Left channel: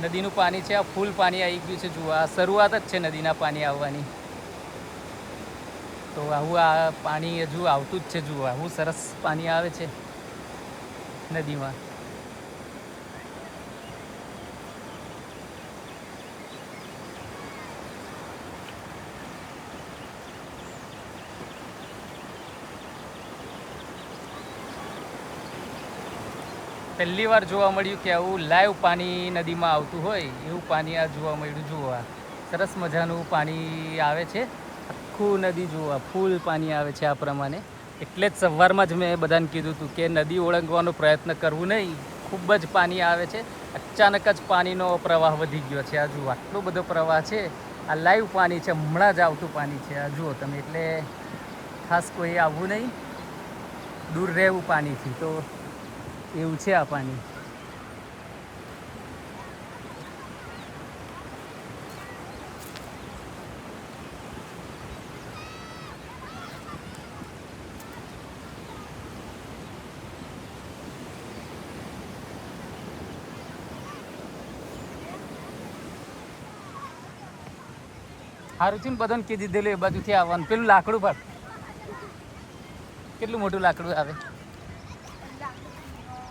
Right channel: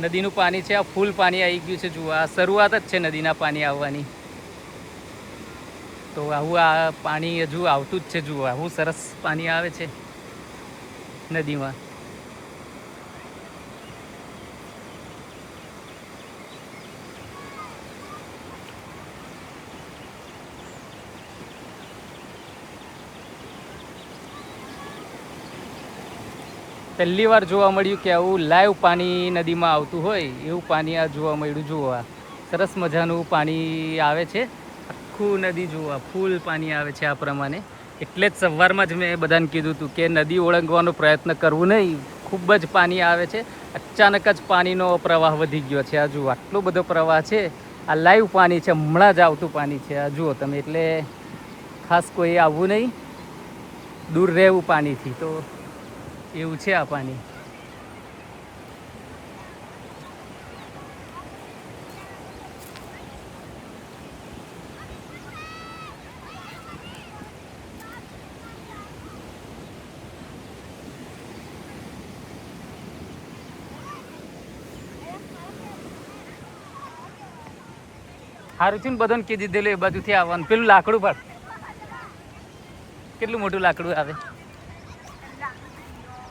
નદીનું પાણી છે, આ ફૂલ પાણી આવી ગયું છે. જુઓ, આ શરૂઆત જ છે નદીના પાણી આવવાની. તો આવું આ પાણી હજુ આવતું જ છે. જુઓ, આવું સરસ પાણી આવે છે નદીમાં. પહેલી વાર જોવા મળ્યું કે આવું લાઈવ પાણી નદીમાં આવતું હોય એવું પાણી આ જોવા મળ્યું. જુઓ, આ સરસ મજાનું પાણી આવે છે. આખું નદી જુઓ, ફૂલ પાણી આવે છે આ પ્રમાણે. એટલે જ સવારમાં જ મેં બધાને કીધું હતું કે નદી ઓળંગવાનો પ્રયત્ન કરવું નહીં. ખૂબ જ પાણી આવે છે. અચાનક જ પાણીનો પ્રવાહ વધી ગયો છે. આ જુઓ, આટલો બધો પ્રવાહ છે. આ લાઈવ પાણી છે, હમણાં જ આવતું પાણી છે. આ જુઓ તમે. એટલે ખાસ કોઈ આવવું નહીં, દૂર રહેવું પાણીથી. તો એવું છે આ પાણી. સારું છે ને, બધાને કીધી દીધેલું એ બાજુથી આવવાનું. પેલું લાકડું પર કેટલું મોટું લાકડું આવે.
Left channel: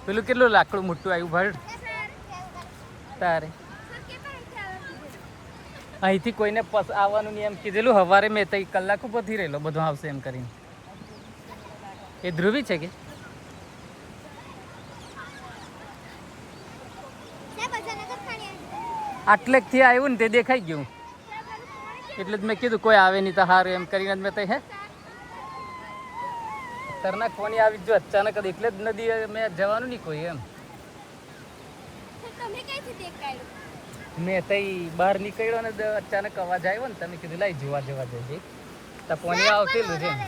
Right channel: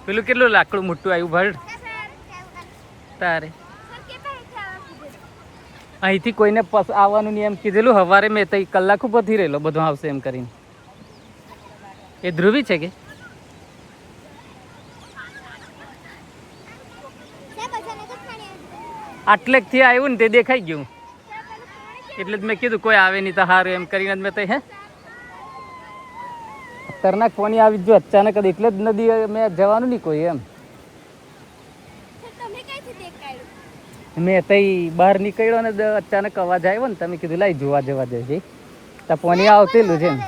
પેલું કેટલું લાકડું મોટું આવ્યું ભર તારે. અહીંથી કોઈને આવવાનું નહીં એમ કીધેલું. સવારે મેં તઈ કલાક ઉપરથી રહેલો બધું આવશે એમ કરીને. એ ધ્રુવી છે કે આટલેકથી આવ્યું ને તે દેખાઈ ગયું. એટલે જ મેં કીધું કોઈ આવે નહીં તો સારું એમ કરીને જ મેં તઈ ખતરનાક પાણી આવી ગયું અચાનક જ. એટલે જ નદી મેં જવાનું નહીં કોઈ એમ. મેં તઈ બહાર નીકળ્યો ને અચાનક અવાજ આવ્યો ને, તમે કીધું લાઈ જોવા જવા દેવું. તો પાણી આવતેલું છે ને.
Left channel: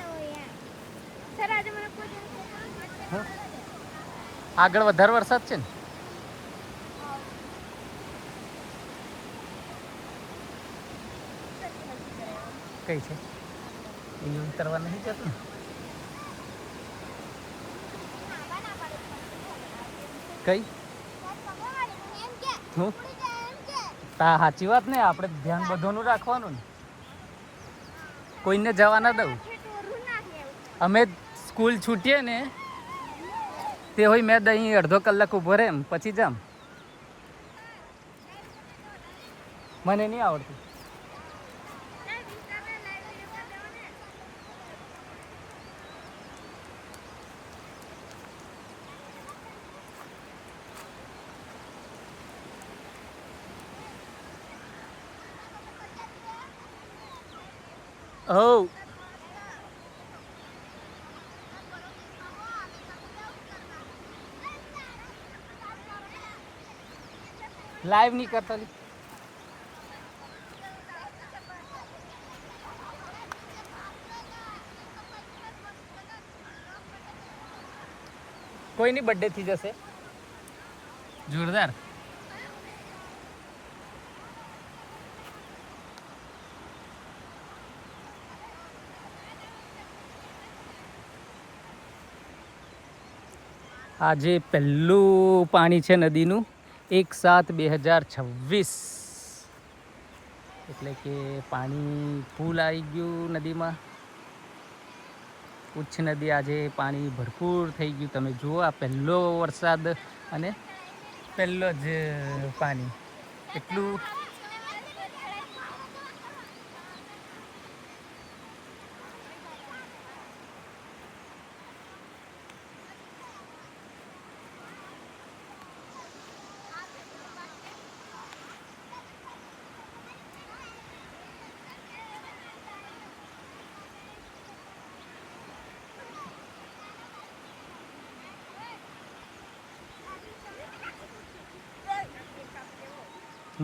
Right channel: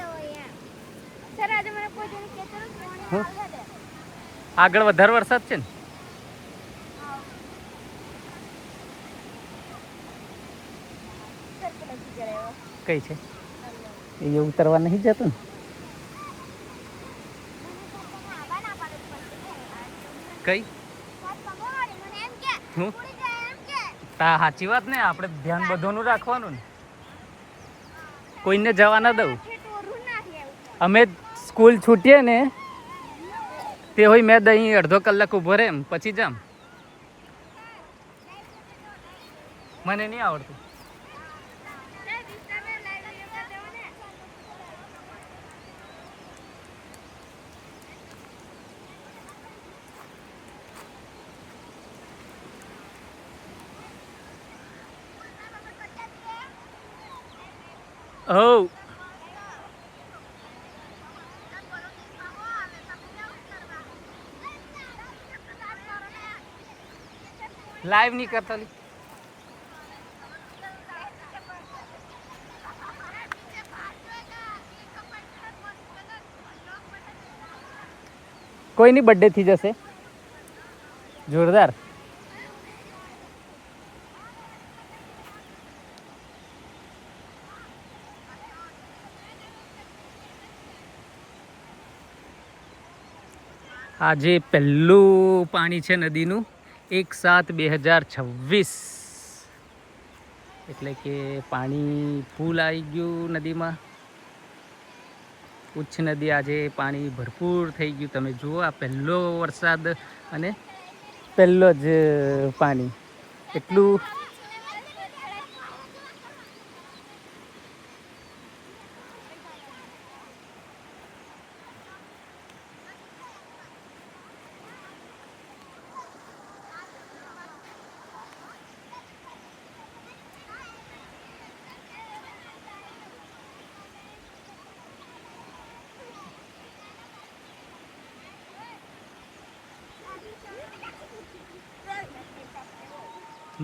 આગળ વધારે વરસાદ છે ને. કઈ છે એ ઉતરવા નહીં જતું ને. કઈ હું તા સાચી વાત ને. આપણે ધ્યાન બધોનું રાખવાનું ને. કોઈને જવા ના દઉં. અમે સ્કૂલ છૂટીએ ને તે હોય મેં દહીં અડધો કલાક ઊભો રહે એમ પછી જામ. મને નહીં આવડતું. હો લાઈવ નહીં કરતા. કોઈની બર્થડે થઈ જશે જોરદાર. આજે પહેલું પાણી છે નદીનું 1/7/2026. એટલે કે પાણી ફૂલ આવી ગયું નદીમાં. ઉચ્ચ નદી આજે પાણી ભરપૂર થઈ ગયું. તમે જુઓ, આ પહેલો વરસાદ અને પહેલો જ પાણી. એટલું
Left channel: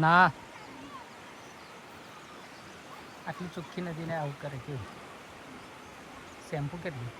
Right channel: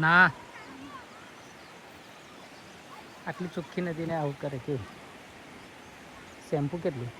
ના. આટલી ચોખ્ખી નદીને આવું કરે કે શેમ્પુ કેટલું.